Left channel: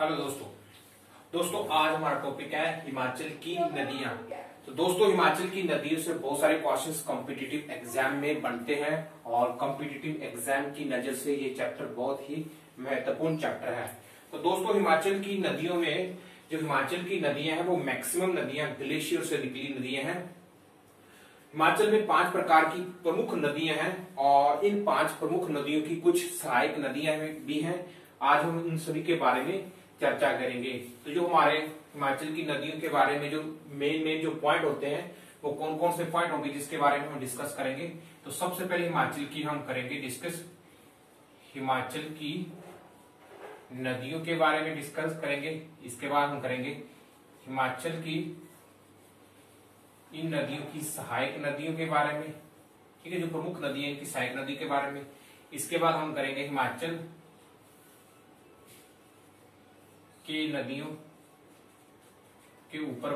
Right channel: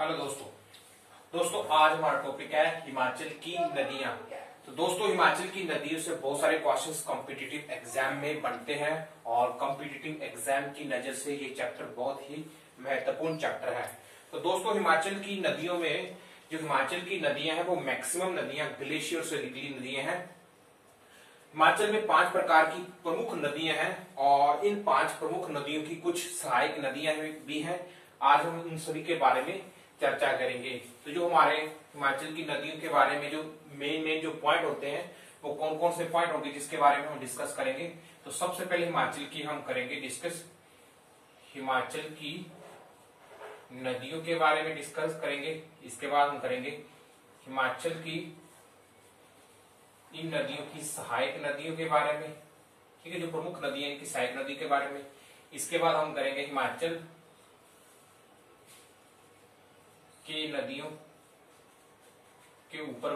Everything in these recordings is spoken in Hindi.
हेलो दोस्तों आज हमारा टॉपिक है हिमाचल की नदियां। तो दोस्तों हिमाचल की नदियों से बहुत सारे क्वेश्चंस कॉम्पिटिटिव एग्जाम में बनते हैं और कॉम्पिटिटिव एग्जाम की नजर से ये चैप्टर बहुत ही महत्वपूर्ण चैप्टर है। तो दोस्तों हिमाचल की नदियों में जो हिमाचल की नदियां हैं वो मैक्सिमम नदियां ग्लेशियर से निकली नदियां हैं। हिमाचल में 5 प्रकार की प्रमुख नदियां हैं और इन 5 प्रमुख नदियों की कुछ सहायक नदियां भी हैं। आज हम इन सभी के बारे में चर्चा करेंगे। तो जो हमारे हिमाचल की नदियों के बारे में जो मेन जो पॉइंट होते हैं वो कौन कौन से पॉइंट होंगे जिसके बारे में हम डिस्कस करेंगे। तो सबसे पहले हिमाचल की हम करेंगे डिस्कस, हिमाचल की नदियों के बारे में डिस्कस करेंगे। इसके बाद हम करेंगे हिमाचल की इन नदियों की सहायक नदियों के बारे में, ठीक है, जो प्रमुख नदी है इनकी सहायक नदी के बारे में। इसके बाद हम करेंगे हिमाचल के नदियों के ऊपर,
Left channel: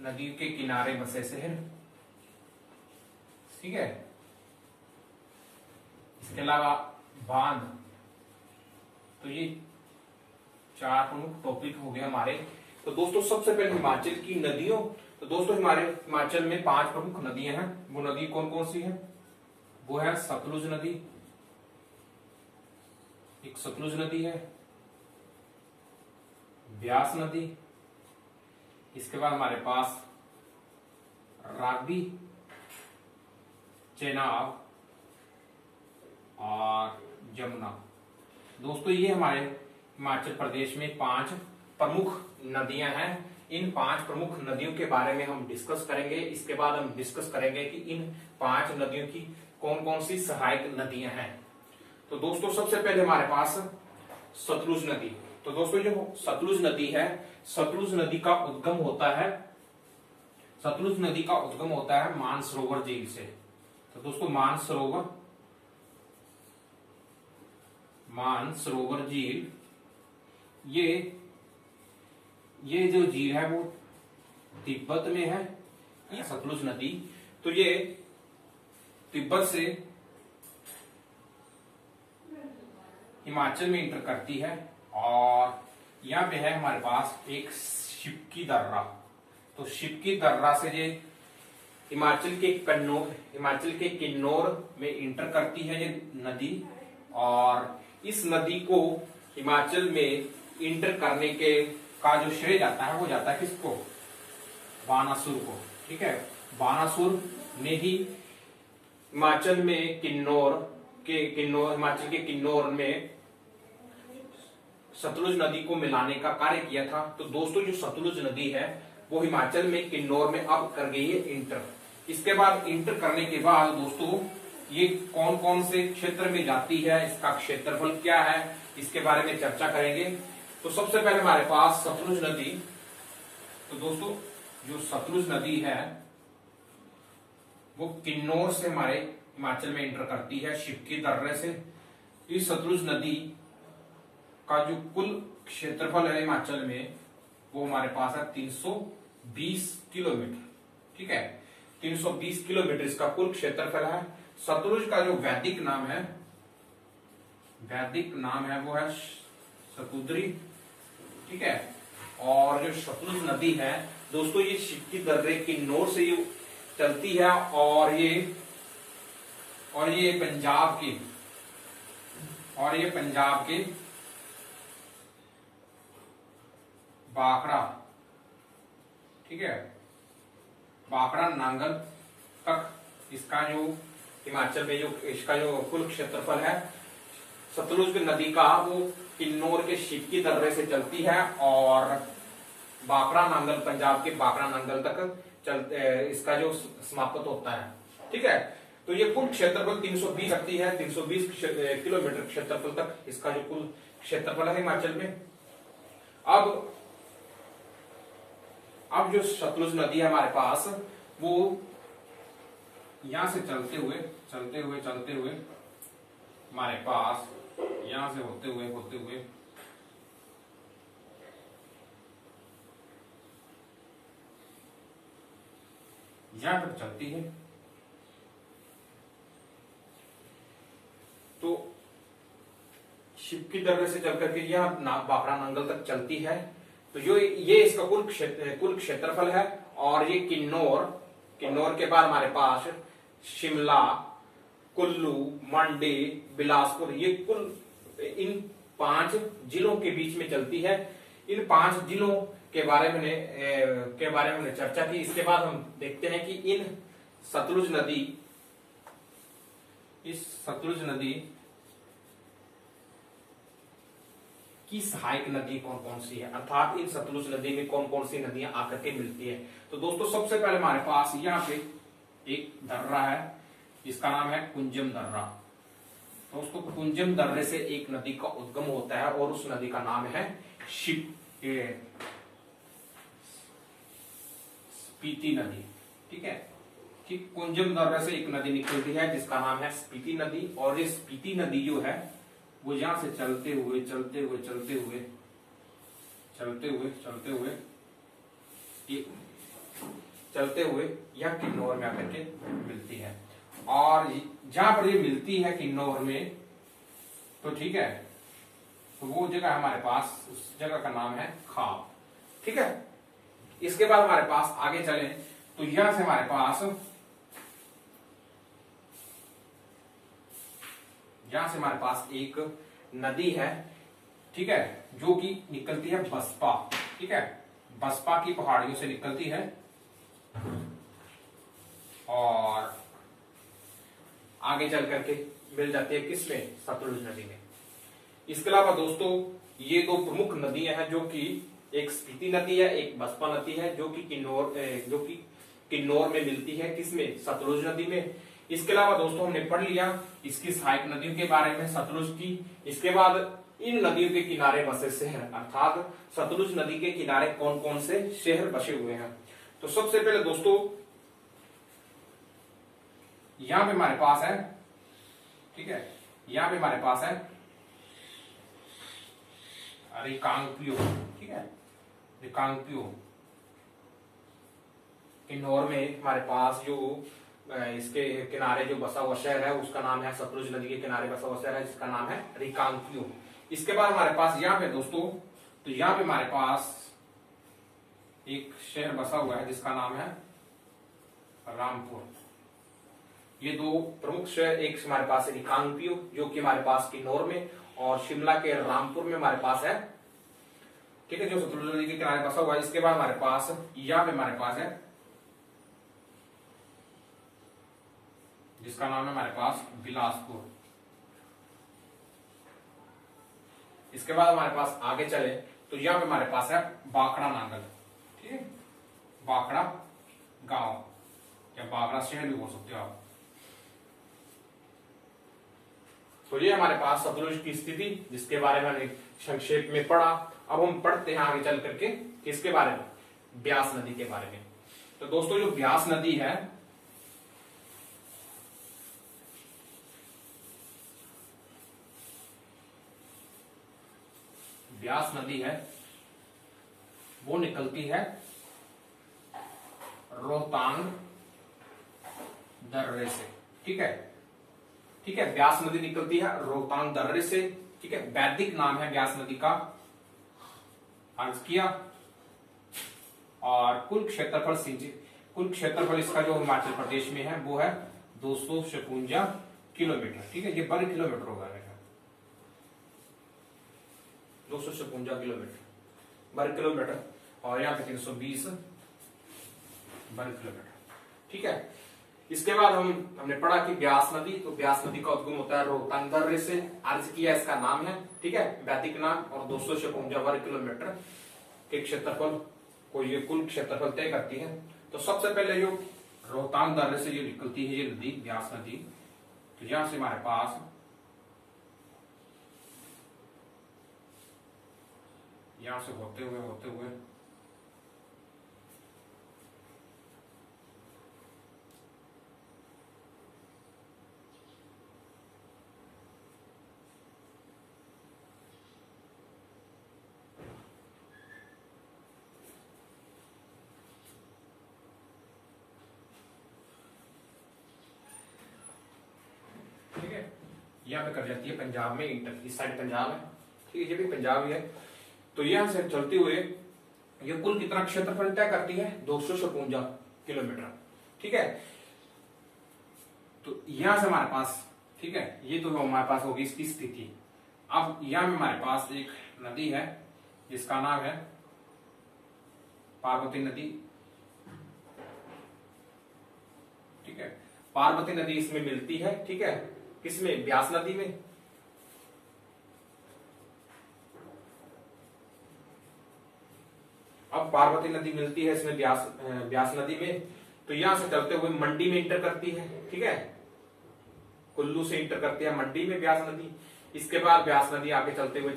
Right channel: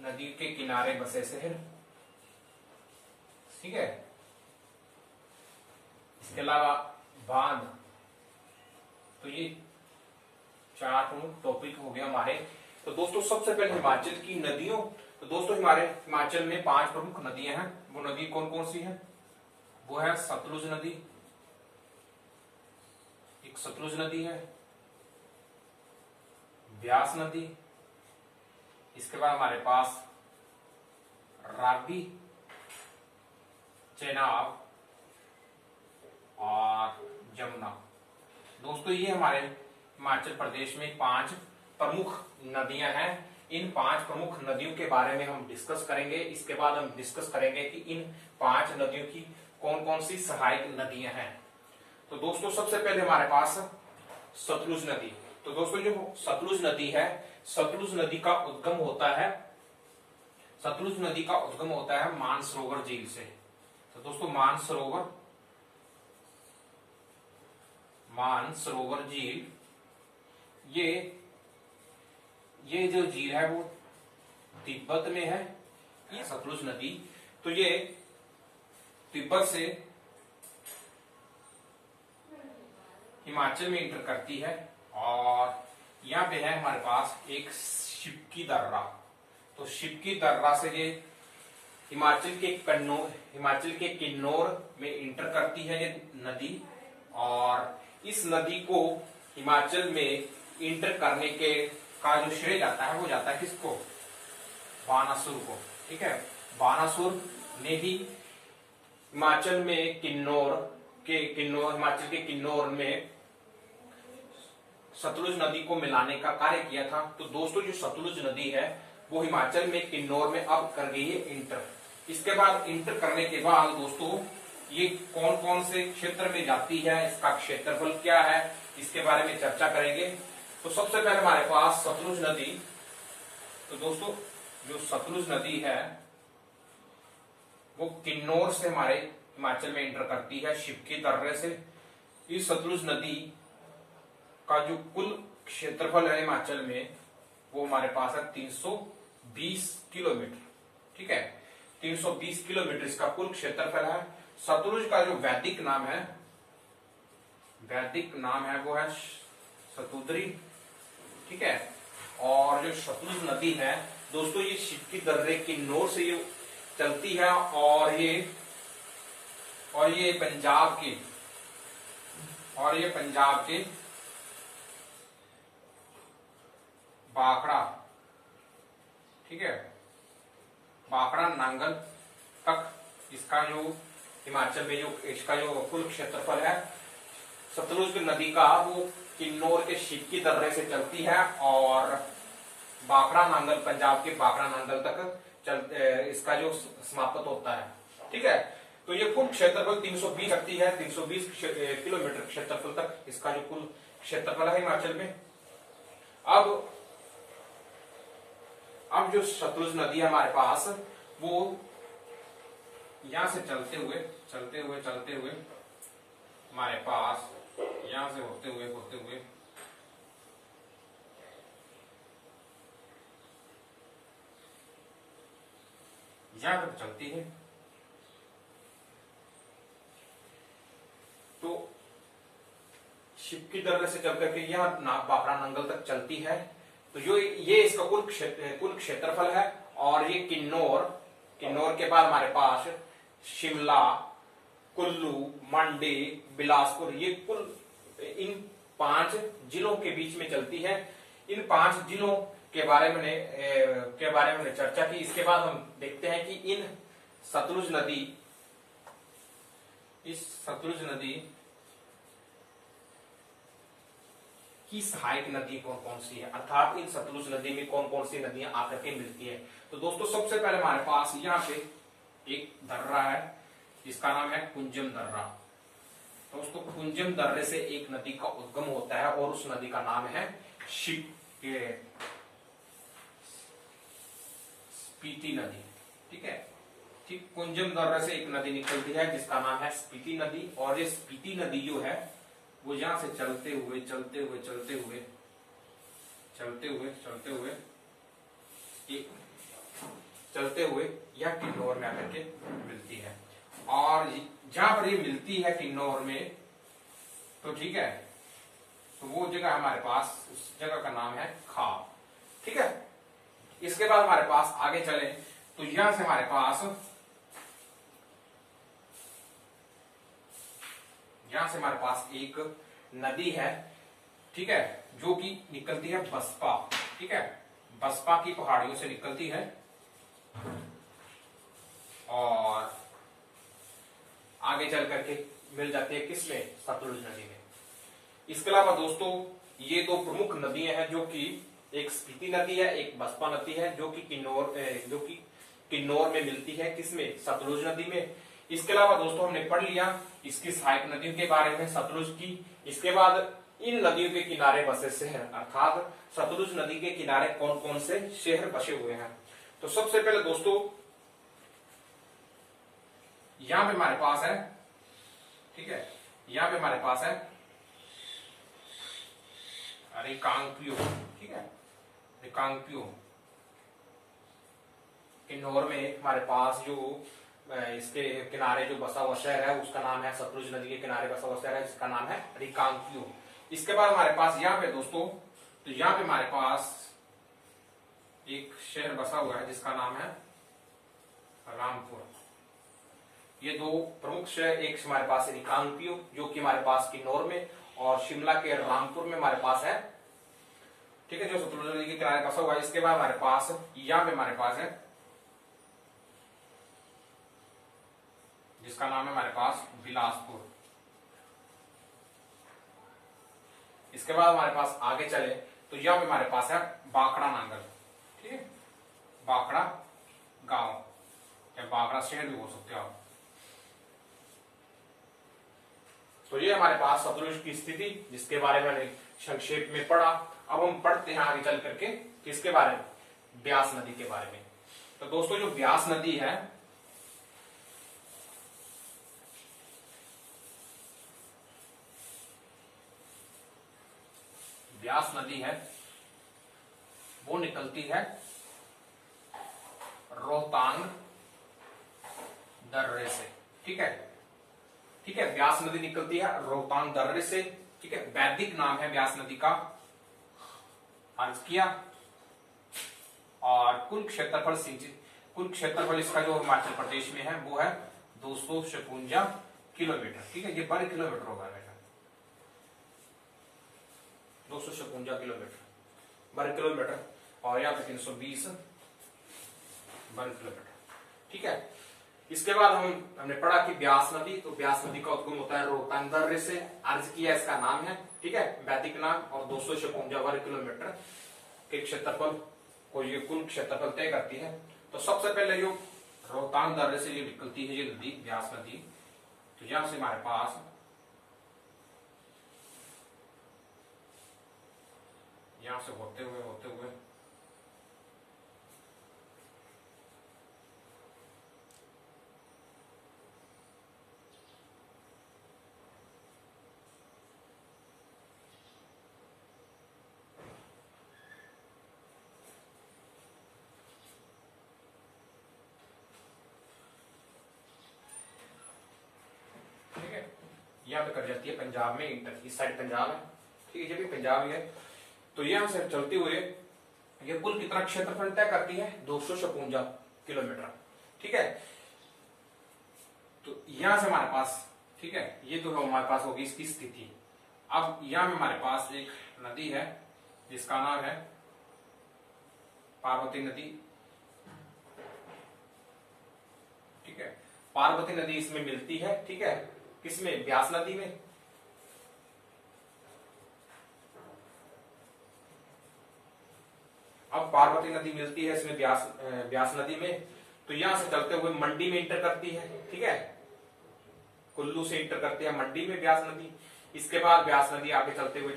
नदी के किनारे बसे शहर, ठीक है। इसके अलावा बांध। तो ये 4 प्रमुख टॉपिक हो गए हमारे। तो दोस्तों सबसे पहले हिमाचल की नदियों। तो दोस्तों हमारे हिमाचल में 5 प्रमुख नदियां हैं। वो नदी कौन कौन सी है? वो है सतलुज नदी, एक सतलुज नदी है, ब्यास नदी, इसके बाद हमारे पास रावी, चेनाब और यमुना। दोस्तों ये हमारे हिमाचल प्रदेश में 5 प्रमुख नदियां हैं। इन 5 प्रमुख नदियों के बारे में हम डिस्कस करेंगे। इसके बाद हम डिस्कस करेंगे कि इन 5 नदियों की कौन कौन सी सहायक नदियां हैं। तो दोस्तों सबसे पहले हमारे पास सतलुज नदी। तो दोस्तों जो सतलुज नदी है, सतलुज नदी का उद्गम होता है, सतलुज नदी का उद्गम होता है मानसरोवर झील से। तो दोस्तों मानसरोवर झील ये जो झील है वो तिब्बत में है, ये सतलुज नदी। तो ये तिब्बत से हिमाचल में इंटर करती है और यहाँ पे है हमारे पास एक शिपकी दर्रा। तो शिपकी दर्रा से ये हिमाचल के किन्नौर में इंटर करती है ये नदी। और इस नदी को हिमाचल में इंटर करने का जो श्रेय जाता है वो जाता है किसको? बानासुर को, ठीक है। बानासुर ने ही हिमाचल में हिमाचल के किन्नौर में सतलुज नदी को मिलाने का कार्य किया था। तो दोस्तों जो सतलुज नदी है वो हिमाचल में किन्नौर में अब कर गई है इंटर। इसके बाद इंटर करने के बाद दोस्तों ये कौन कौन से क्षेत्र में जाती है, इसका क्षेत्रफल क्या है, इसके बारे में चर्चा करेंगे। तो सबसे पहले हमारे पास सतलुज नदी। तो दोस्तों जो सतलुज नदी है वो किन्नौर से हमारे हिमाचल में इंटर करती है शिपकी दर्रे से। इस सतलुज नदी का जो कुल क्षेत्रफल है हिमाचल में वो हमारे पास है 320 किलोमीटर, ठीक है। 320 किलोमीटर इसका कुल क्षेत्रफल है। सतलुज का जो वैदिक नाम है वो है सतुद्री, ठीक है। और जो सतलुज नदी है दोस्तों ये शिपकी दर्रे किन्नौर से ये चलती है और ये पंजाब के बाखड़ा, ठीक है, बाखड़ा नांगल तक इसका जो हिमाचल में जो इसका जो कुल क्षेत्रफल है सतलुज नदी का वो किन्नौर के शिपकी दर्रे से चलती है और बाखड़ा नांगल, पंजाब के बाखड़ा नांगल तक इसका जो समाप्त होता है, ठीक है। तो ये कुल क्षेत्रफल 320 रखती है, 320 किलोमीटर क्षेत्रफल तक इसका जो कुल क्षेत्रफल है हिमाचल में। अब जो सतलुज नदी है हमारे पास वो यहां से चलते हुए हमारे पास यहां से होते हुए यहां तक चलती है। तो शिवकी दर्रे से चल करके यह बाखड़ा नंगल तक चलती है। तो जो ये इसका कुल क्षेत्रफल है। और ये किन्नौर के बाद हमारे पास शिमला, कुल्लू, मंडी, बिलासपुर, ये कुल इन 5 जिलों के बीच में चलती है। इन 5 जिलों के बारे में हमने चर्चा की। इसके बाद हम देखते हैं कि इस सतलुज नदी की सहायक नदी कौन कौन सी है, अर्थात इन सतलुज नदी में कौन कौन सी नदियां आकर के मिलती है। तो दोस्तों सबसे पहले हमारे पास यहाँ पे एक दर्रा है जिसका नाम है कुंजम दर्रा। दोस्तों कुंजम दर्रे से एक नदी का उद्गम होता है और उस नदी का नाम है स्पीति नदी। ठीक है, ठीक, कुंजम दर्रे से एक नदी निकलती है जिसका नाम है स्पीति नदी। और ये स्पीति नदी जो है वो यहां से चलते हुए यह किन्नौर में आकर के मिलती है। और जहां पर ये मिलती है किन्नौर में, तो ठीक है, तो वो जगह हमारे पास, उस जगह का नाम है खाप। ठीक है, इसके बाद हमारे पास आगे चले तो यहां से हमारे पास एक नदी है, ठीक है, जो कि निकलती है बसपा। ठीक है, बसपा की पहाड़ियों से निकलती है और आगे चल करके मिल जाती है किसमें, सतलुज नदी में। इसके अलावा दोस्तों ये 2 प्रमुख नदियां हैं, जो कि एक स्पीति नदी है, एक बसपा नदी है, जो कि किन्नौर में मिलती है, किसमें, सतलुज नदी में। इसके अलावा दोस्तों हमने पढ़ लिया इसकी सहायक नदियों के बारे में, सतलुज की। इसके बाद इन नदियों के किनारे बसे से हैं, अर्थात सतलुज नदी के किनारे कौन कौन से शहर बसे हुए हैं। तो सबसे पहले दोस्तों यहां पे हमारे पास है, ठीक है, यहां पे हमारे पास है रिकांगपिओ। ठीक है, रिकांगपिओ किन्नौर में हमारे पास जो इसके किनारे जो बसा हुआ शहर है उसका नाम है, सतलुज नदी के किनारे बसा हुआ शहर है जिसका नाम है रिकांगपिओ। इसके बाद हमारे पास यहाँ पे दोस्तों, तो यहाँ पे हमारे पास एक शहर बसा हुआ है जिसका नाम है रामपुर। ये 2 प्रमुख शहर, एक हमारे पास है रिकांगपिओ जो कि हमारे पास किन्नौर में, और शिमला के रामपुर में हमारे पास है, ठीक है, जो सतलुज नदी के किनारे बसा हुआ है। इसके बाद हमारे पास यहाँ पे हमारे पास है जिसका नाम है हमारे पास बिलासपुर। इसके बाद हमारे पास आगे चले तो यहाँ पे हमारे पास है बाखड़ा नांगल। ठीक है, बाखड़ा गांव या बाखड़ा शहर भी बोल सकते हो आप। तो ये हमारे पास सतलुज की स्थिति जिसके बारे में हमने संक्षेप में पढ़ा। अब हम पढ़ते हैं आगे चल करके किसके बारे में, ब्यास नदी के बारे में। तो दोस्तों जो ब्यास नदी है, ब्यास नदी है वो निकलती है रोहतांग दर्रे से। ठीक है, ठीक है, ब्यास नदी निकलती है रोहतांग दर्रे से। ठीक है, वैदिक नाम है ब्यास नदी का अर्ज किया। और कुल क्षेत्रफल इसका जो हिमाचल प्रदेश में है वो है 256 किलोमीटर। ठीक है, ये वर्ग किलोमीटर होगा, 256 किलोमीटर वर्ग किलोमीटर, और यहाँ पे 320 वर्ग किलोमीटर। ठीक है, इसके बाद हमने पढ़ा कि ब्यास नदी, तो ब्यास नदी का उद्गम होता है रोहतांग दर्रे से, अर्ज किया इसका नाम है, ठीक है, वैदिक नाम, और 256 वर्ग किलोमीटर के क्षेत्रफल को ये कुल क्षेत्रफल तय करती है। तो सबसे पहले जो रोहतांग दर्रे से जो निकलती है ये नदी ब्यास नदी, तो यहां से हमारे पास यहां से होते हुए यहाँ पे कर जाती है पंजाब में इंटर, इस साइड पंजाब है, ठीक है, ये भी पंजाब ही है। तो यहाँ से चलते हुए ये कुल कितना क्षेत्रफल तय करती है, 256 किलोमीटर, ठीक है। तो यहां से हमारे पास, ठीक है, ये तो हमारे पास होगी इसकी स्थिति। अब यहां में हमारे पास एक नदी है जिसका नाम है पार्वती नदी, ठीक है। पार्वती नदी इसमें मिलती है, ठीक है, किसमें, ब्यास नदी में। अब पार्वती नदी मिलती है इसमें ब्यास नदी में। तो यहां से चलते हुए मंडी में इंटर करती है, ठीक है, कुल्लू से इंटर करती है मंडी में ब्यास नदी। इसके बाद ब्यास नदी आगे चलते हुए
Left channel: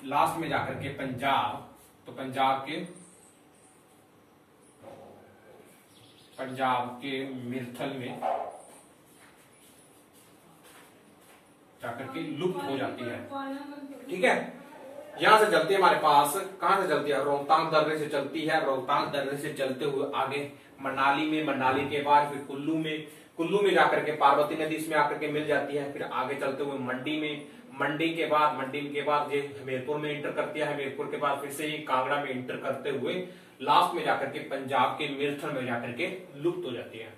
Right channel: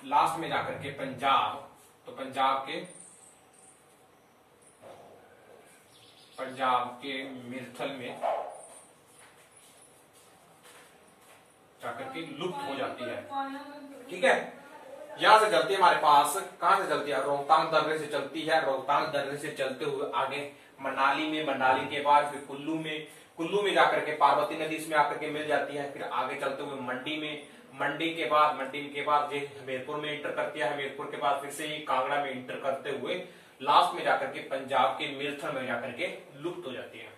लास्ट में जाकर के पंजाब, तो पंजाब के मिर्थल में जाकर के लुप्त हो जाती है, ठीक है। यहां से चलती है हमारे पास, कहां से चलती है, रोहतांग दर्रे से चलती है। रोहतांग दर्रे से चलते हुए आगे मनाली में, मनाली के बाद फिर कुल्लू में जाकर के पार्वती नदी इसमें आकर के मिल जाती है। फिर आगे चलते हुए मंडी में, मंडी के बाद ये हमीरपुर में इंटर करती है। हमीरपुर के बाद फिर से ये कांगड़ा में इंटर करते हुए लास्ट में जाकर के पंजाब के मिर्थल में जाकर के लुप्त हो जाती है।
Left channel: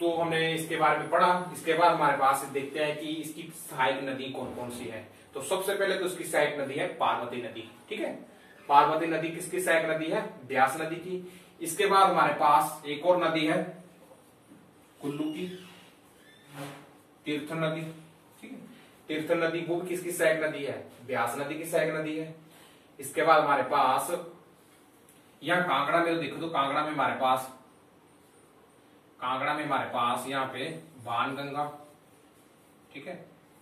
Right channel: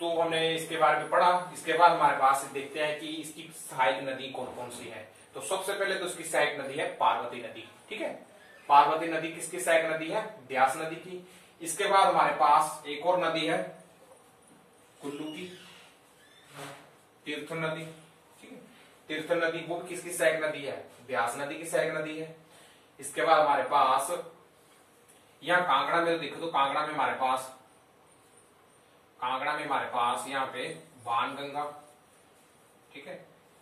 तो हमने इसके बारे में पढ़ा। इसके बाद हमारे पास देखते हैं कि इसकी सहायक नदी कौन कौन सी है। तो सबसे पहले तो इसकी सहायक नदी है पार्वती नदी, ठीक है। पार्वती नदी किसकी सहायक नदी है, ब्यास नदी की। इसके बाद हमारे पास एक और नदी है कुल्लू की, तीर्थ नदी, ठीक है। तीर्थ नदी वो भी किसकी सहायक नदी है, ब्यास नदी की सहायक नदी है। इसके बाद हमारे पास यहाँ कांगड़ा में देखो, तो कांगड़ा में हमारे पास यहाँ पे बाणगंगा, ठीक है,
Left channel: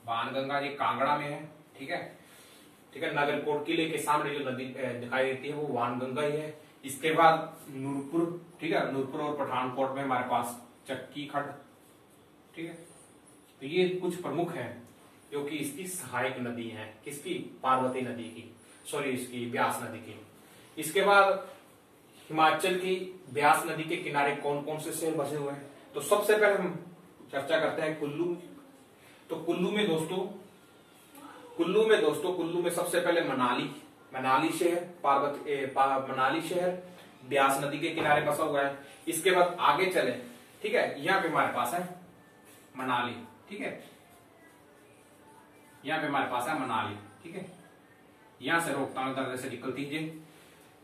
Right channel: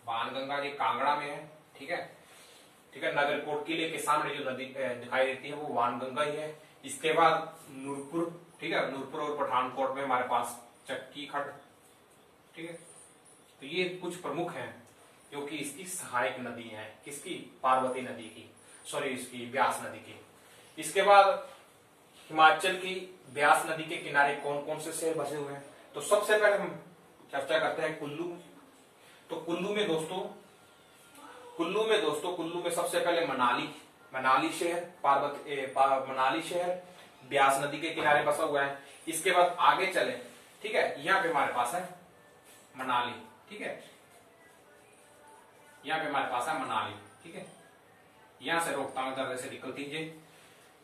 बाणगंगा ये कांगड़ा में है, ठीक है, ठीक है। नगरकोट किले के सामने जो नदी दिखाई देती है वो बाणगंगा ही है। इसके बाद नूरपुर, ठीक है, नूरपुर और पठानकोट में हमारे पास चक्की खड़, ठीक है। तो ये कुछ प्रमुख हैं जो कि इसकी सहायक नदी है, किसकी, पार्वती नदी की, सॉरी इसकी ब्यास नदी की। इसके बाद हिमाचल की ब्यास नदी के किनारे कौन कौन से शहर बसे हुए हैं। तो सबसे पहले हम चर्चा करते हैं कुल्लू। तो कुल्लू में दोस्तों सबसे पहले मनाली शहर, मनाली शहर ब्यास नदी के किनारे बसा हुआ है। इसके बाद आगे चले, ठीक है, यहाँ पे हमारे पास है मनाली, ठीक है, यहाँ पे हमारे पास है मनाली, ठीक है। यहां से रोहतांग दर्रे से निकलती है,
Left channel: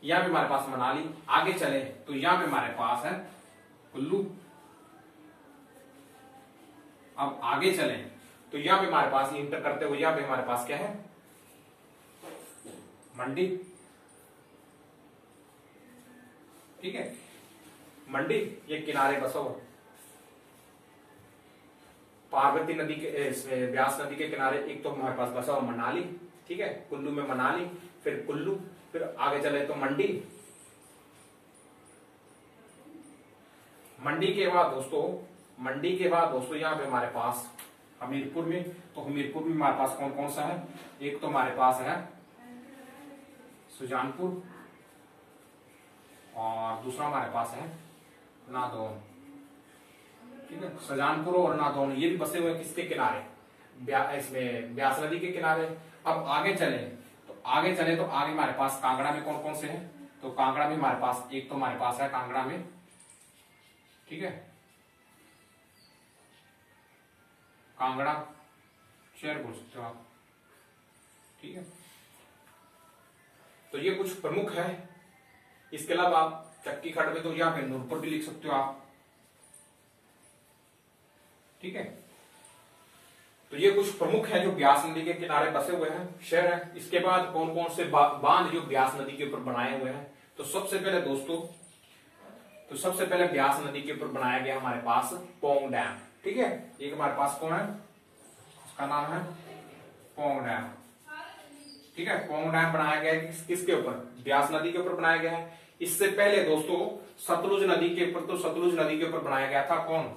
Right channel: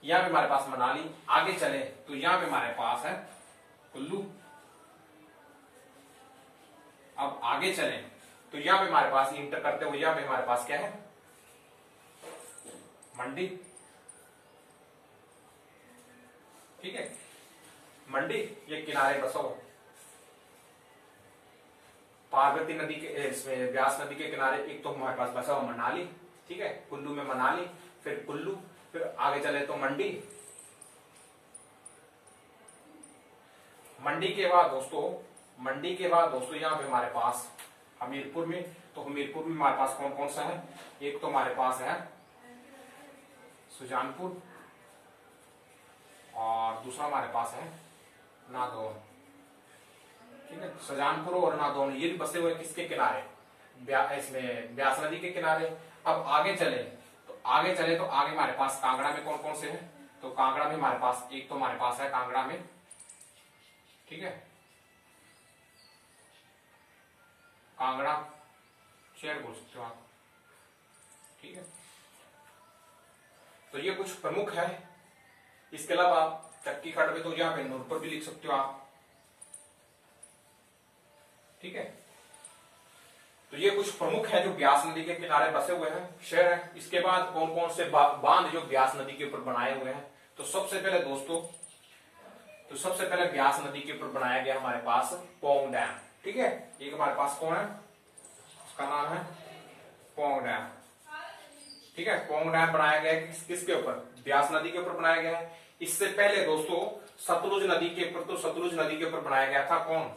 यहाँ पे हमारे पास मनाली। आगे चले तो यहाँ पे हमारे पास है कुल्लू। अब आगे चले तो यहाँ पे हमारे पास इंटर करते हुए यहाँ पे हमारे पास क्या है, मंडी, ठीक है, मंडी ये किनारे बसा हुआ पार्वती नदी के, इसमें ब्यास नदी के किनारे। एक तो हमारे पास बसा हुआ मनाली, ठीक है, कुल्लू में मनाली, फिर कुल्लू, फिर आगे चले तो मंडी। मंडी के बाद दोस्तों यहाँ पे हमारे पास हमीरपुर में। तो हमीरपुर में हमारे पास कौन कौन सा है, एक तो हमारे पास है सुजानपुर और दूसरा हमारे पास है नादौन, ठीक है। सुजानपुर और नादौन ये भी बसे हुए हैं किसके किनारे, इसमें ब्यास नदी के किनारे। अब आगे चले तो आगे हमारे पास कांगड़ा में कौन कौन से हैं। तो कांगड़ा में हमारे पास एक तो हमारे पास है कांगड़ा में, ठीक है, कांगड़ा शहर बोल सकते हो आप, ठीक है। तो ये कुछ प्रमुख है। इसके अलावा आप चक्की खड़ में तो यहाँ पे नूरपुर भी लिख सकते हो आप, ठीक है। तो ये कुछ प्रमुख है जो ब्यास नदी के किनारे बसे हुए हैं शहर है। इसके बाद कौन कौन से बांध जो ब्यास नदी के ऊपर बनाए हुए हैं। तो सबसे पहले दोस्तों ब्यास नदी के ऊपर बनाया गया हमारे पास पोंग डैम, ठीक है। एक हमारे पास कौन है, उसका नाम है पोंग डैम, ठीक है। पोंग डैम बनाया गया है किसके ऊपर, ब्यास नदी के ऊपर बनाया गया है। इससे पहले दोस्तों सतलुज नदी के ऊपर बनाया गया था कौन,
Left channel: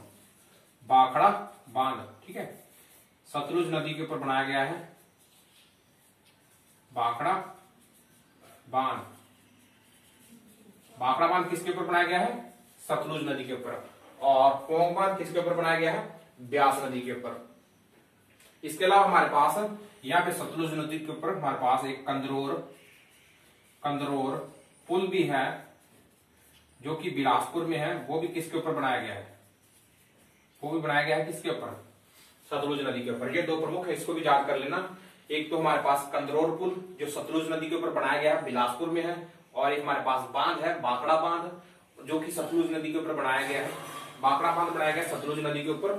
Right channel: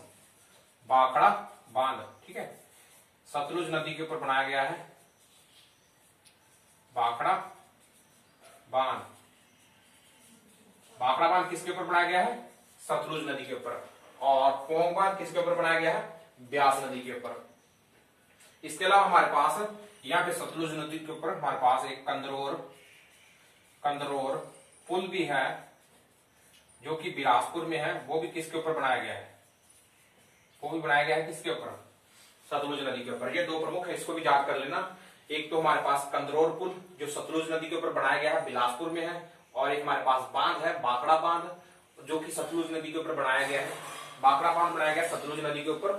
भाखड़ा बांध, ठीक है। सतलुज नदी के ऊपर बनाया गया है भाखड़ा बांध। भाखड़ा बांध किसके ऊपर बनाया गया है, सतलुज नदी के ऊपर। और पोंग बांध किसके ऊपर बनाया गया है? ब्यास नदी के ऊपर। इसके अलावा हमारे पास यहाँ पे सतलुज नदी के ऊपर हमारे पास एक कंदरौर पुल भी है, जो कि बिलासपुर में है। वो भी किसके ऊपर बनाया गया है? वो भी बनाया गया है किसके ऊपर? सतलुज नदी के ऊपर। ये दो प्रमुख है, इसको भी याद कर लेना। एक तो हमारे पास कंदरौर पुल जो सतलुज नदी के ऊपर बनाया गया है, बिलासपुर में है, और एक हमारे पास बांध है बाकड़ा बांध जो कि सतलुज नदी के ऊपर बनाया गया है। बाकड़ा बांध बनाया गया सतलुज नदी के ऊपर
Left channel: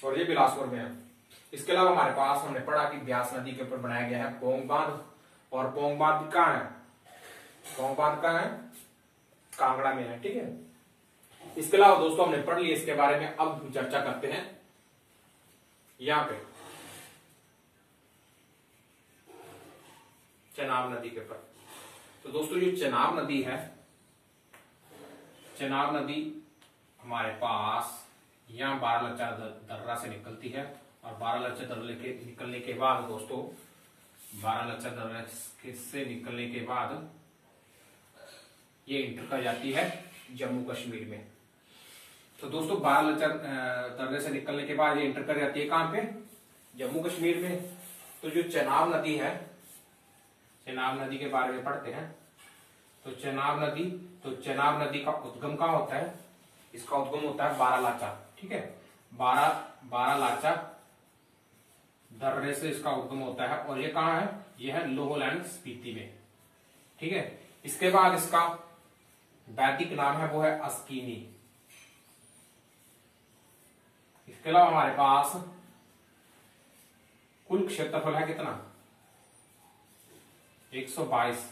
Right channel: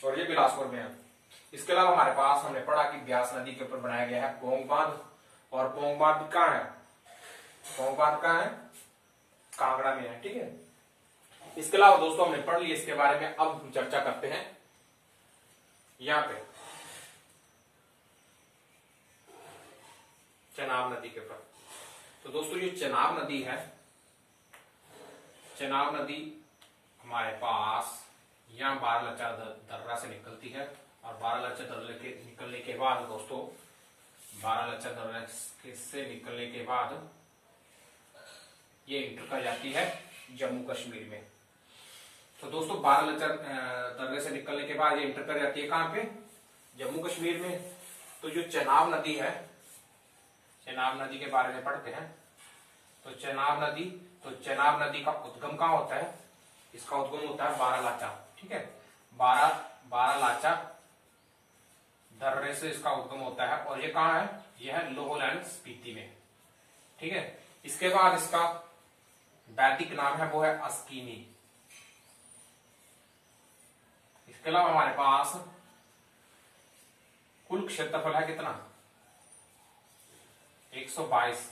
और ये बिलासपुर में है। इसके अलावा हमारे पास हमने पढ़ा कि ब्यास नदी के ऊपर बनाया गया है पोंग बांध, और पोंग बांध कहाँ है? पोंग बांध कहाँ है? कांगड़ा में है। ठीक है। इसके अलावा दोस्तों हमने पढ़ लिया इसके बारे में। अब हम चर्चा करते हैं यहां पे चेनाब नदी के ऊपर। तो दोस्तों ये चेनाब नदी है, चेनाब नदी हमारे पास यहां बारालाचा दर्रा से निकलती है, और बारालाचा दर्रे के निकलने के बाद दोस्तों, बारालाचा दर्रा से निकलने के बाद ये इंटर कर जाती है जम्मू कश्मीर में। तो दोस्तों बारालाचा दर्रे से निकलने के बाद ये इंटर कर जाती है कहां पे? जम्मू कश्मीर में। तो जो चेनाब नदी है, चेनाब नदी के बारे में पढ़ते हैं। तो चेनाब नदी का उद्गम कहां होता है? इसका उद्गम होता है बारालाचा। ठीक है, बारालाचा दर्रे से इसका उद्गम होता है, और ये कहां है? यह है लोहलैंड स्पीति में। ठीक है। इसके बाद इसका वैदिक नाम है वो है अस्कीनी। इसके अलावा हमारे पास कुल क्षेत्रफल है कितना? 122।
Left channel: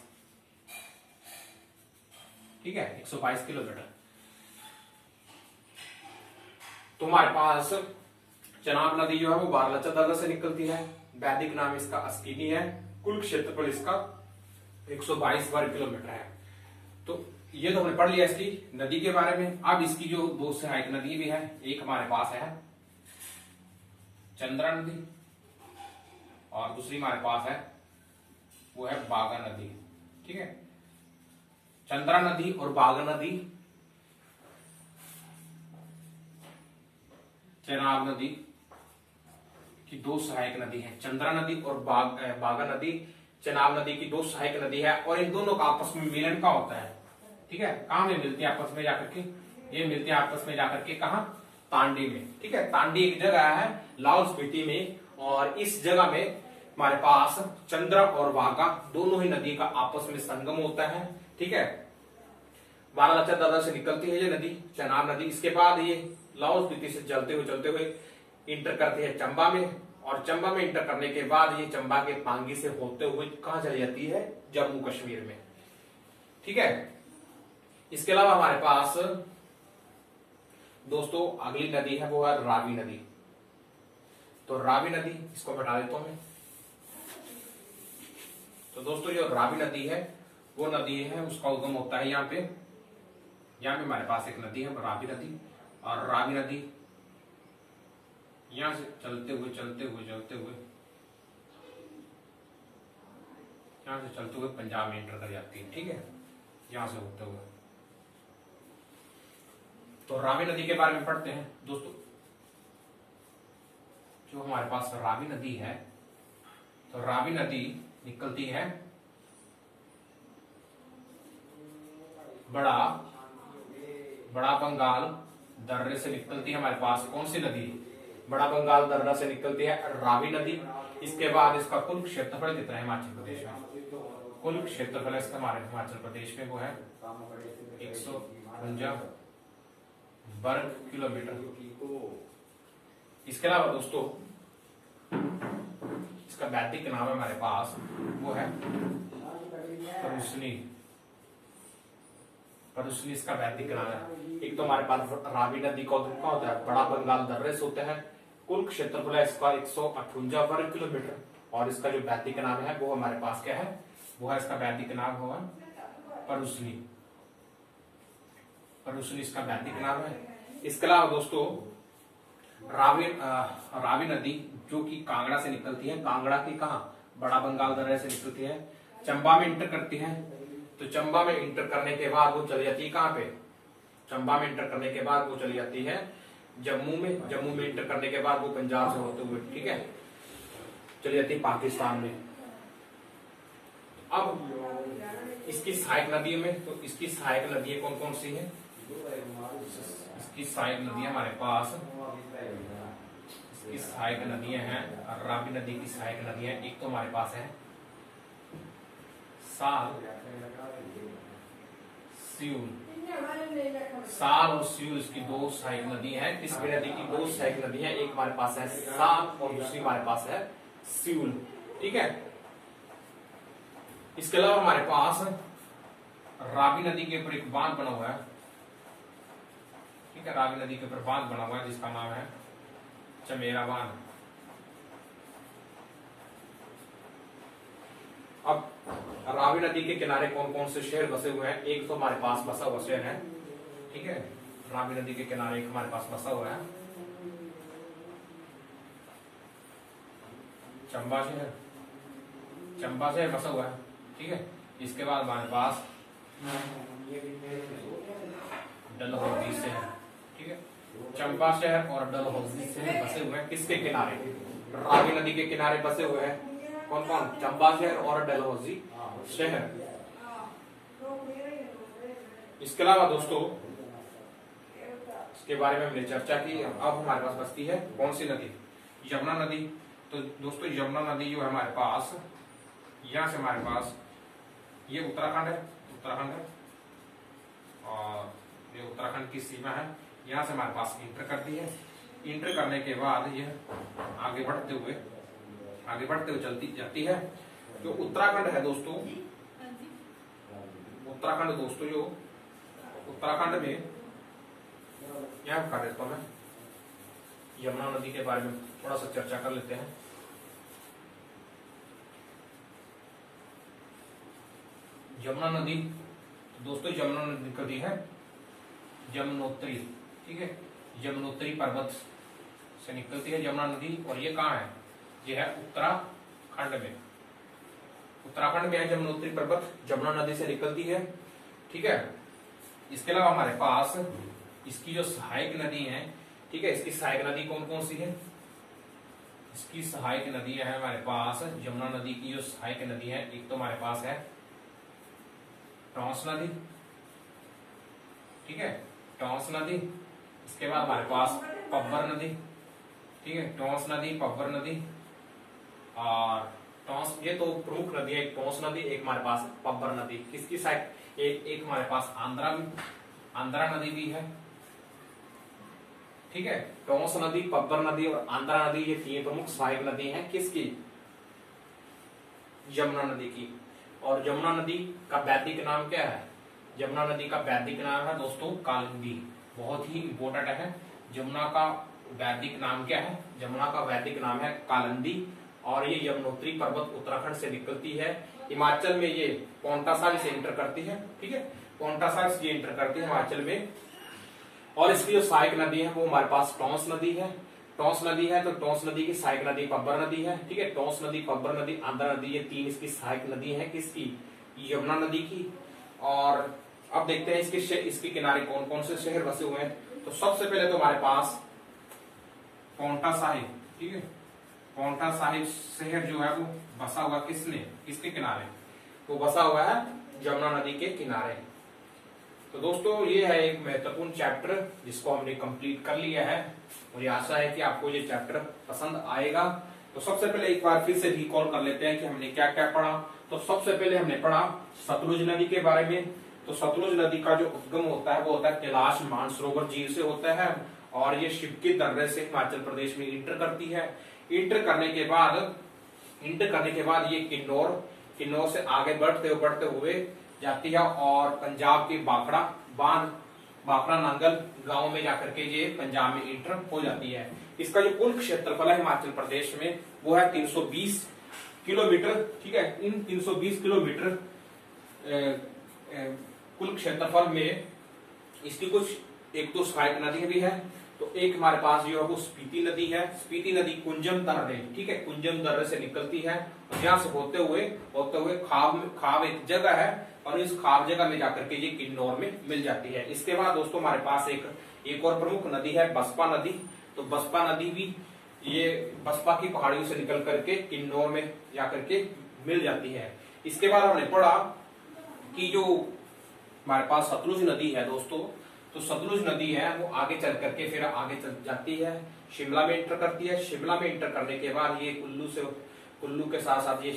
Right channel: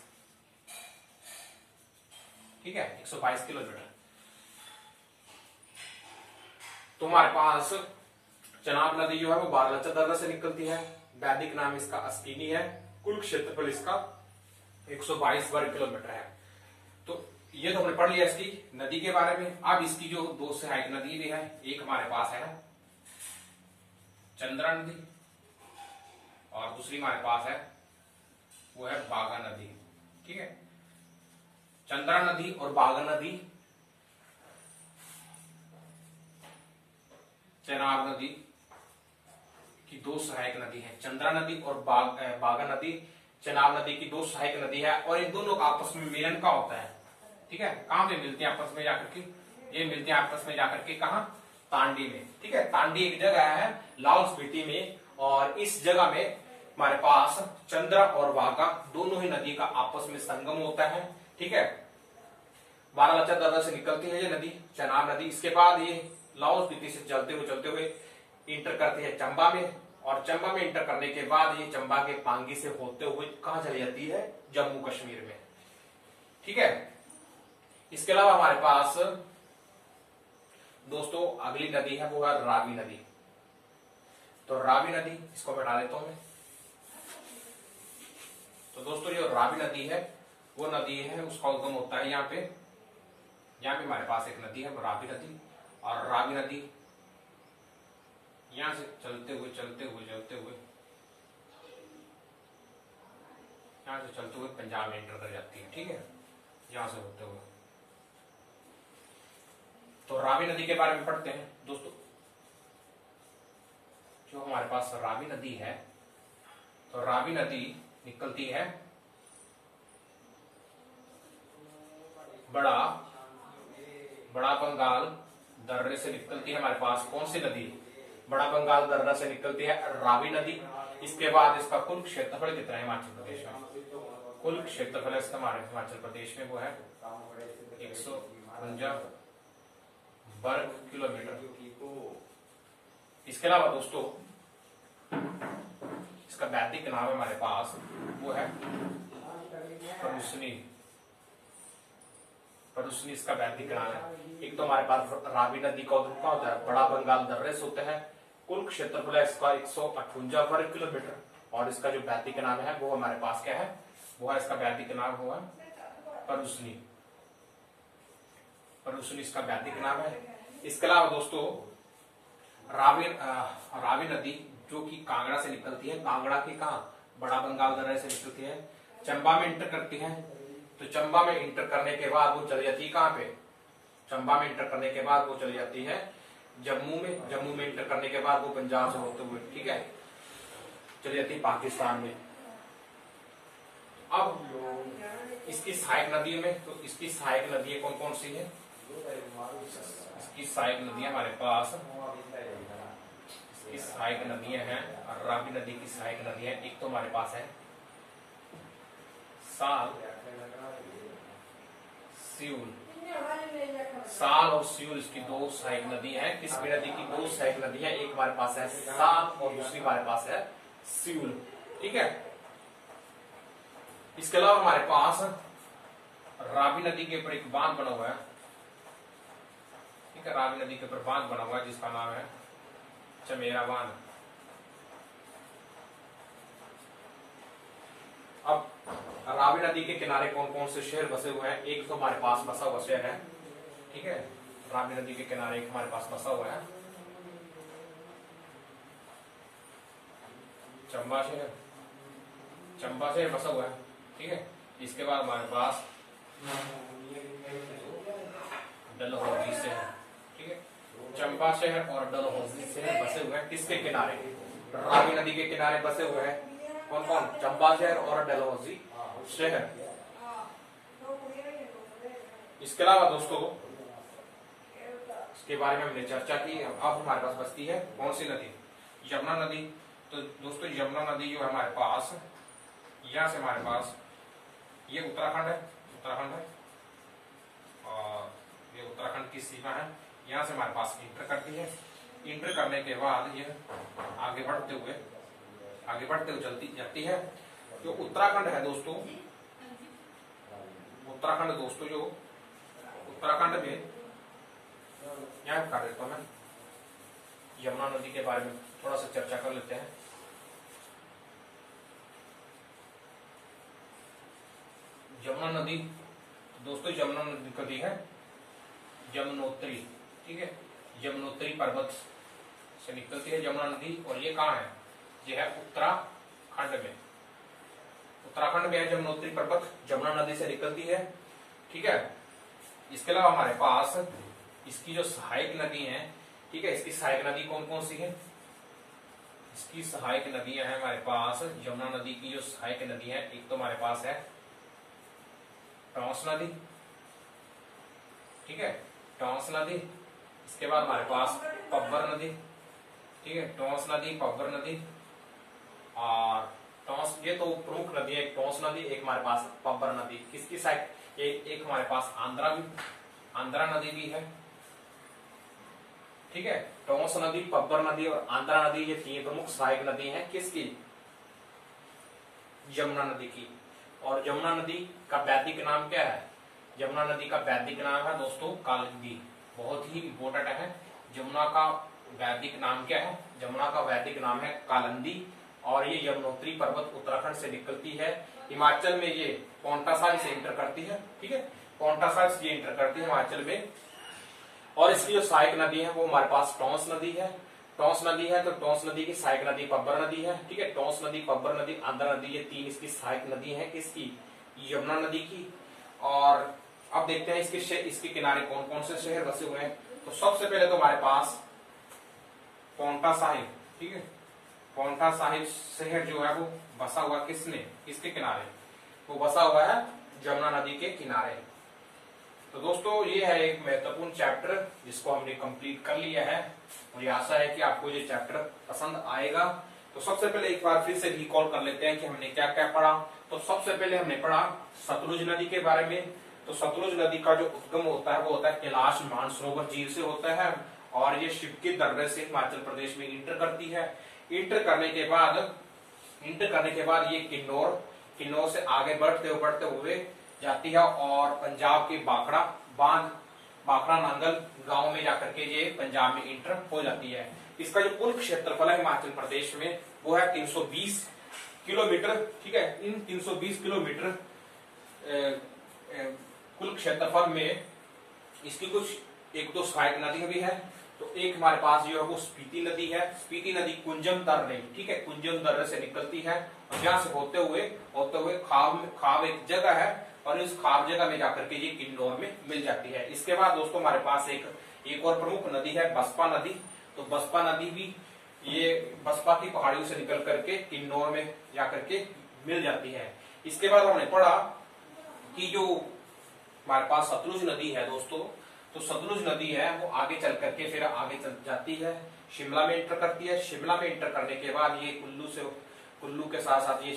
ठीक है, 122 किलोमीटर। तो हमारे पास चेनाब नदी जो है वो बारालाचा दर्रा से निकलती है, वैदिक नाम इसका अस्कीनी है, कुल क्षेत्रफल इसका 122 वर्ग किलोमीटर है। तो ये तो हमने पढ़ लिया इसकी नदी के बारे में। अब इसकी जो दो सहायक नदी भी है, एक हमारे पास है चंद्रा नदी, और दूसरी हमारे पास है वो है बागा नदी। ठीक है, चंद्रा नदी और बागा नदी चेनाब नदी की दो सहायक नदी है। चंद्रा नदी और बागा नदी चेनाब नदी की दो सहायक नदी है, और इन दोनों का आपस में मिलन का होता है। ठीक है, कहां में मिलती है आपस में जाकर के? ये मिलती है आपस में जाकर के कहा? तांडी में। ठीक है, तांडी एक जगह है लाहौल स्पीति में, और इस जगह में हमारे पास चंद्रा और बागा दोनों ही नदी का आपस में संगम होता है। ठीक है, बारालाचा दर्रा से निकलती है ये नदी चेनाब नदी। इसके बाद ये लाहौल स्पीति से चलते हुए इंटर करती है चंबा में, और चंबा में इंटर करने के बाद ये चंबा के पांगी से होते हुए कहां चली जाती है? जम्मू कश्मीर में। ठीक है। इसके अलावा हमारे पास दोस्तों अगली नदी है वो है रावी नदी। तो रावी नदी इसको हटा देता हूं मैं। तो दोस्तों जो रावी नदी है वो नदी है, उसका उद्गम होता है यहाँ पे हमारे पास एक नदी है रावी नदी, और रावी नदी यहां से चलते हुए पंजाब में एंटर कर जाती है। ठीक है, यहां से होते हुए। तो रावी नदी के बारे में पढ़ते हैं दोस्तों। जो हमारे पास रावी नदी है, तो रावी नदी निकलती है बड़ा बंगाल दर्रे से निकलती है। हमारे पास कौन सी नदी? बड़ा बंगाल दर्रा से निकलती है रावी नदी। इसके बाद इसका कुल क्षेत्रफल कितना है हिमाचल प्रदेश में? कुल क्षेत्रफल इसका हमारे हिमाचल प्रदेश में वो है 152 वर्ग किलोमीटर। इसके अलावा दोस्तों इसका वैदिक नाम है हमारे पास वो है परुसनी इसका वैदिक नाम है। एक तो हमारे पास रावी नदी का उद्गम होता है बड़ा बंगाल दर्रे से होते हैं। कुल क्षेत्रफल है इसका 158 वर्ग किलोमीटर, और इसका जो वैदिक नाम है वो हमारे पास क्या है? वो है इसका वैदिक नाम हुआ परुसनी इसका वैदिक नाम है। इसके अलावा दोस्तों रावी नदी जो कि कांगड़ा से निकलती है, कांगड़ा की कहा? बड़ा बंगाल दर्रे से निकलती है, चंबा में इंटर करती है। तो चंबा में इंटर करने के बाद वो चली जाती है कहां पे? चंबा में इंटर करने के बाद वो चली जाती है जम्मू में, जम्मू में इंटर करने के बाद वो पंजाब से होते हुए, ठीक है, चली जाती है पाकिस्तान में। अब इसकी सहायक नदियों में, तो इसकी सहायक नदियां कौन कौन सी हैं? इसकी सहायक नदियां हमारे पास, इसकी सहायक नदियां हैं, रावी नदी की सहायक नदियां, एक तो हमारे पास है साल, सियूल। साल और सियूल इसकी दो सहायक नदी हैं। किसकी नदी की दो सहायक नदियां? एक हमारे पास है साल और दूसरी हमारे पास है सियूल, ठीक है। इसके अलावा हमारे पास रावी नदी के ऊपर एक बांध बना हुआ है, ठीक है, रावी नदी के ऊपर बांध बना हुआ है जिसका नाम है चमेरा बांध। अब रावी नदी के किनारे कौन कौन से शहर बसे हुए हैं? एक तो हमारे पास बसा हुआ शहर है, ठीक है, रावी नदी के किनारे एक हमारे पास बसा हुआ है चंबा शहर, चंबा शहर बसा हुआ है, ठीक है। इसके बाद हमारे पास डलहौजी शहर, ठीक है, चंबा शहर और डलहौजी शहर बसे हुए हैं किसके किनारे? रावी नदी के किनारे बसे हुए हैं। कौन कौन? चंबा शहर और डलहौजी शहर। इसके अलावा दोस्तों इसके बारे में हमने चर्चा की। अब हमारे पास बचती है कौन सी नदी? यमुना नदी। तो दोस्तों यमुना नदी जो है हमारे पास, यहां से हमारे पास ये उत्तराखंड है, उत्तराखंड है, और ये उत्तराखंड की सीमा है, यहां से हमारे पास इंटर करती है। इंटर करने के बाद ये आगे बढ़ते हुए चलती जाती है। जो उत्तराखंड है दोस्तों, उत्तराखंड दोस्तों, जो उत्तराखंड में यहां बता देता हूं मैं, यमुना नदी के बारे में थोड़ा सा चर्चा कर लेते हैं। यमुना नदी दोस्तों, यमुना नदी निकलती है यमुनोत्री, ठीक है, यमुनोत्री पर्वत से निकलती है यमुना नदी। और ये कहाँ है? ये है उत्तराखंड में, उत्तराखंड में है यमुनोत्री पर्वत, यमुना नदी से निकलती है, ठीक है। इसके अलावा हमारे पास इसकी जो सहायक नदी है, ठीक है, इसकी सहायक नदी कौन कौन सी है? इसकी सहायक नदियां हैं हमारे पास, यमुना नदी की जो सहायक नदी है, एक तो हमारे पास है टॉन्स नदी, ठीक है, टॉन्स नदी। इसके बाद हमारे पास पब्बर नदी, ठीक है, टॉन्स नदी, पब्बर नदी और टॉन्स, ये तो प्रमुख नदी है, एक टॉन्स नदी, एक हमारे पास पब्बर नदी। किसकी साइड? एक हमारे पास आंध्रा नदी भी है, ठीक है। टॉन्स नदी, पब्बर नदी और आंध्रा नदी, ये तीन प्रमुख सहायक नदी हैं किसकी? यमुना नदी की। और यमुना नदी का वैदिक नाम क्या है? यमुना नदी का वैदिक नाम है दोस्तों कालिंदी। बहुत ही इंपोर्टेंट है। यमुना का वैदिक नाम क्या है? यमुना का वैदिक नाम है कालिंदी। और ये यमुनोत्री पर्वत उत्तराखंड से निकलती है, हिमाचल में ये पांवटा साहिब से इंटर करती है, ठीक है, पांवटा साहिब से ये इंटर करती है हिमाचल में। और इसकी जो सहायक नदी है वो हमारे पास टॉन्स नदी है, टॉन्स नदी है, तो टॉन्स नदी की सहायक नदी पब्बर नदी है, ठीक है, टॉन्स नदी, पब्बर नदी, आंध्रा नदी, ये तीन इसकी सहायक नदी है किसकी? यमुना नदी की। और अब देखते हैं इसके किनारे कौन कौन से शहर बसे हुए हैं। तो सबसे पहले तो हमारे पास पांवटा साहिब, ठीक है, पांवटा साहिब शहर जो है वो बसा हुआ किसके किनारे? वो बसा हुआ है यमुना नदी के किनारे। तो दोस्तों ये है एक महत्वपूर्ण चैप्टर जिसको हमने कंप्लीट कर लिया है। मुझे आशा है कि आपको ये चैप्टर पसंद आएगा। तो सबसे पहले एक बार फिर से रिकॉल कर लेते हैं कि हमने क्या क्या पढ़ा। तो सबसे पहले हमने पढ़ा सतलुज नदी के बारे में। तो सतलुज नदी का जो उद्गम होता है वो होता है कैलाश मानसरोवर झील से होता है, और ये शिव के दर्रे से हिमाचल प्रदेश में इंटर करती है। इंटर करने के बाद ये किन्नौर से आगे बढ़ते हुए जाती है और पंजाब के बाखड़ा नांगल गांव में जाकर के ये पंजाब में इंटर हो जाती है। इसका जो कुल क्षेत्रफल है हिमाचल प्रदेश में वो है 320 किलोमीटर, ठीक है। इन 320 किलोमीटर कुल क्षेत्रफल में इसकी कुछ एक दो सहायक नदी भी है, तो एक हमारे पास जो है वो स्पीति नदी है। स्पीति नदी कुंजम दर्रे, ठीक है, कुंजम दर्रे से निकलती है और यहाँ से होते हुए खाब एक जगह है और इस खाब जगह में जाकर के ये किन्नौर में मिल जाती है। इसके बाद दोस्तों हमारे पास एक और प्रमुख नदी है बसपा नदी। तो बसपा नदी भी ये बसपा की पहाड़ियों से निकल करके किन्नौर में जाकर के मिल जाती है। इसके बाद हमने पढ़ा कि जो हमारे पास सतलुज नदी है दोस्तों, तो सतलुज नदी है वो आगे चल करके फिर आगे चल जाती है, शिमला में एंटर करती है। शिमला में एंटर करने के बाद ये कुल्लू के साथ साथ ये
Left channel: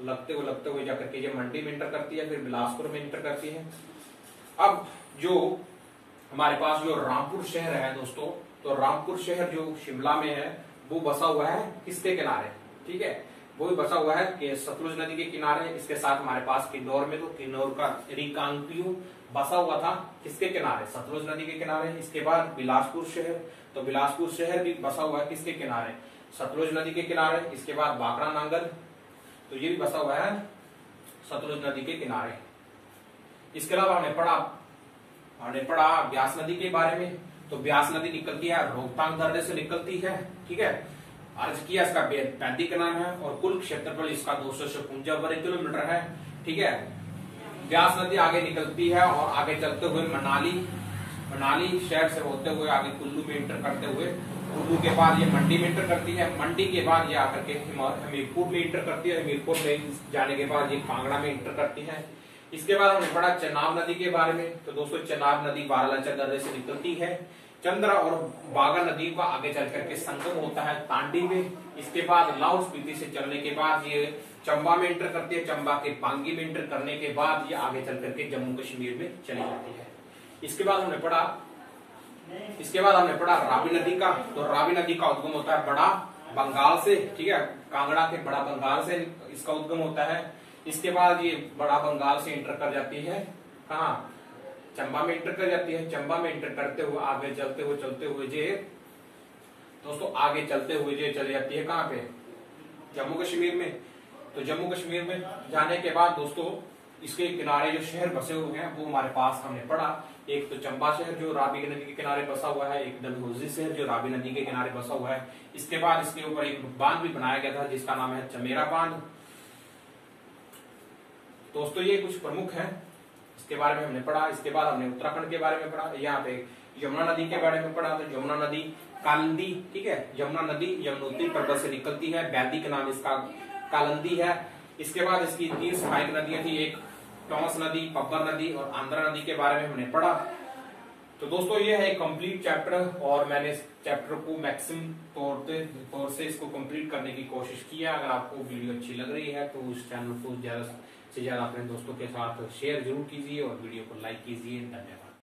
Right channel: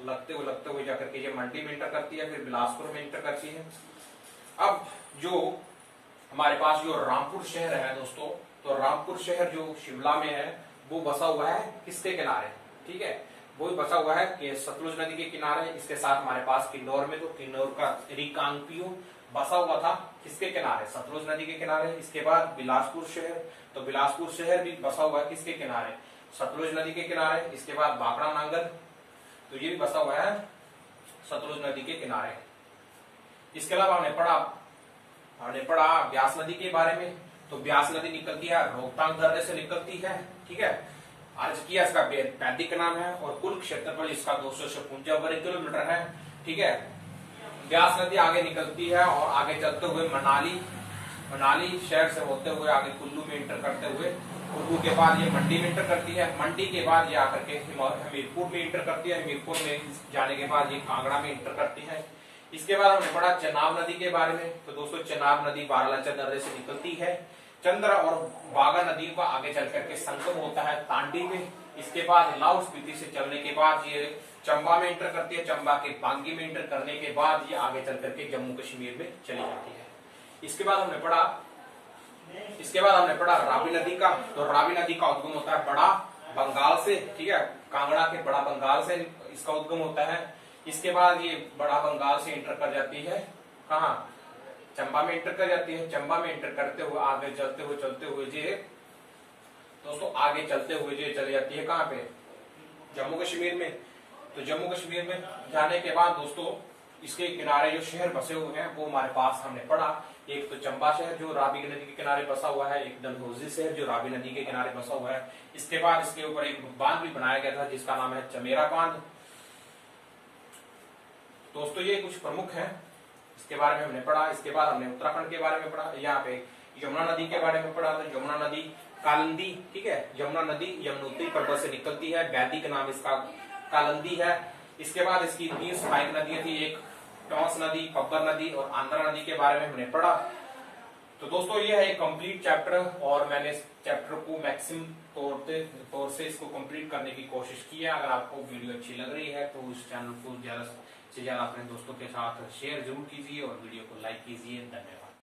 लगते हुए जाकर के ये मंडी में एंटर करती है, फिर बिलासपुर में एंटर करती है। अब जो हमारे पास जो रामपुर शहर है दोस्तों, तो रामपुर शहर जो शिमला में है वो बसा हुआ है किसके किनारे, ठीक है, वो भी बसा हुआ है कि सतलुज नदी के किनारे। इसके साथ हमारे पास किन्नौर में, तो किन्नौर का रिकांगपिओ बसा हुआ था किसके किनारे, सतलुज नदी के किनारे। इसके बाद बिलासपुर शहर, तो बिलासपुर शहर भी बसा हुआ है किसके किनारे, सतलुज नदी के किनारे। इसके बाद बाकड़ा नांगल, तो ये भी बसा हुआ है सतलुज नदी के किनारे। इसके अलावा हमने पढ़ा ब्यास नदी के बारे में। तो ब्यास नदी निकलती है रोहतांग दर्रे से निकलती है, ठीक है। अर्ज किया इसका वैदिक नाम है और कुल क्षेत्रफल इसका 256 वर्ग किलोमीटर है, ठीक है। ब्यास नदी आगे निकलती है और आगे चलते हुए मनाली शहर से होते हुए आगे कुल्लू में इंटर करते हुए, कुल्लू के बाद ये मंडी में इंटर करती है, मंडी के बाद ये आकर के हमीरपुर में इंटर करती है, हमीरपुर में जाने के बाद ये कांगड़ा में इंटर करती है। इसके बाद हमने पढ़ा चेनाब नदी के बारे में। तो दोस्तों चेनाब नदी बारालाचा दर्रे से निकलती है, चंद्रा और बागा नदी का आगे चल करके संगम होता है तांडी में। इसके बाद लाहौल स्पीति से चलने के बाद ये चंबा में एंटर करती है, चंबा के पांगी में एंटर करने के बाद ये आगे चल करके जम्मू कश्मीर में चली जाती है। इसके बाद हमने पढ़ा रावी नदी का। तो रावी नदी का उद्गम होता है बड़ा बंगाल से, ठीक है, कांगड़ा के बड़ा बंगाल से इसका उद्गम होता है। इसके बाद ये बड़ा बंगाल से एंटर कर जाती है कहाँ, चंबा में एंटर कर जाती है। चंबा में एंटर करते हुए आगे चलते हुए ये दोस्तों आगे चलते हुए ये चली जाती है कहाँ पे, जम्मू कश्मीर में। तो जम्मू कश्मीर में जाने के बाद दोस्तों इसके किनारे जो शहर बसे हुए हैं वो हमारे पास हमने पढ़ा। एक तो चंबा शहर जो रावी नदी के किनारे बसा हुआ है, एक डलहौजी शहर जो रावी नदी के किनारे बसा हुआ है। इसके बाद इसके ऊपर एक बांध भी बनाया गया था जिसका नाम है चमेरा बांध। दोस्तों ये कुछ प्रमुख है, इसके बारे में हमने पढ़ा। इसके बाद हमने उत्तराखंड के बारे में पढ़ा, यहाँ पे यमुना नदी के बारे में पढ़ा। तो यमुना नदी कालिंदी, ठीक है, यमुना नदी यमुनोत्री पर्वत से निकलती है, वैदिक नाम इसका कालिंदी है। इसके बाद इसकी 3 सहायक नदियां थी, एक टॉस नदी, पब्बर नदी और आंध्रा नदी के बारे में हमने पढ़ा। तो दोस्तों ये है एक कंप्लीट चैप्टर और मैंने इस चैप्टर को मैक्सिमम तौर से इसको कंप्लीट करने की कोशिश की है। अगर आपको वीडियो अच्छी लग रही है तो इस चैनल को ज्यादा से ज्यादा अपने दोस्तों के साथ शेयर जरूर कीजिए और वीडियो को लाइक कीजिए। धन्यवाद।